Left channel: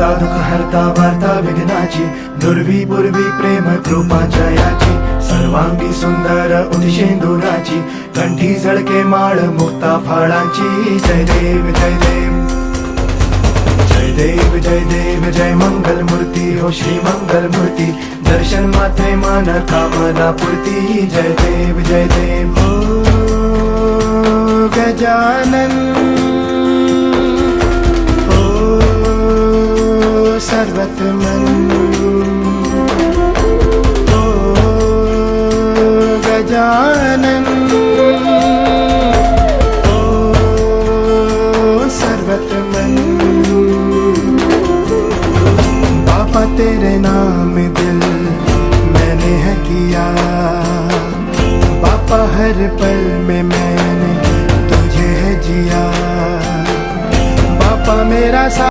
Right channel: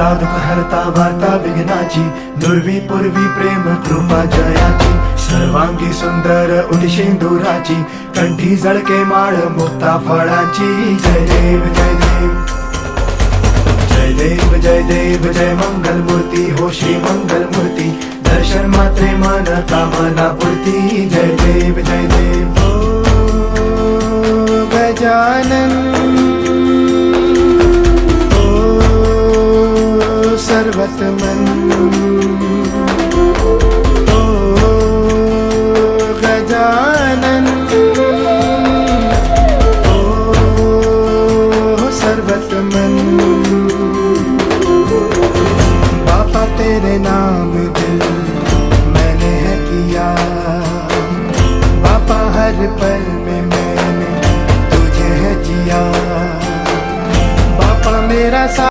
दाता दुःख हरता वार्ता विघ्नाची, दुर्वी पूर्वी प्रेम कृपा जयाची, सर्वांगी सुंदर उदिशेंदुराची, कंठी जळके माळ मुक्ता फळाची. जय देव जय देव जय देव जय देव जय मंगल मूर्ती हो श्री मंगल मूर्ती, दर्शन मात्रे मन कामना पूर्ती. जय देव जय देव ओ गजानन ओ सर्वतमन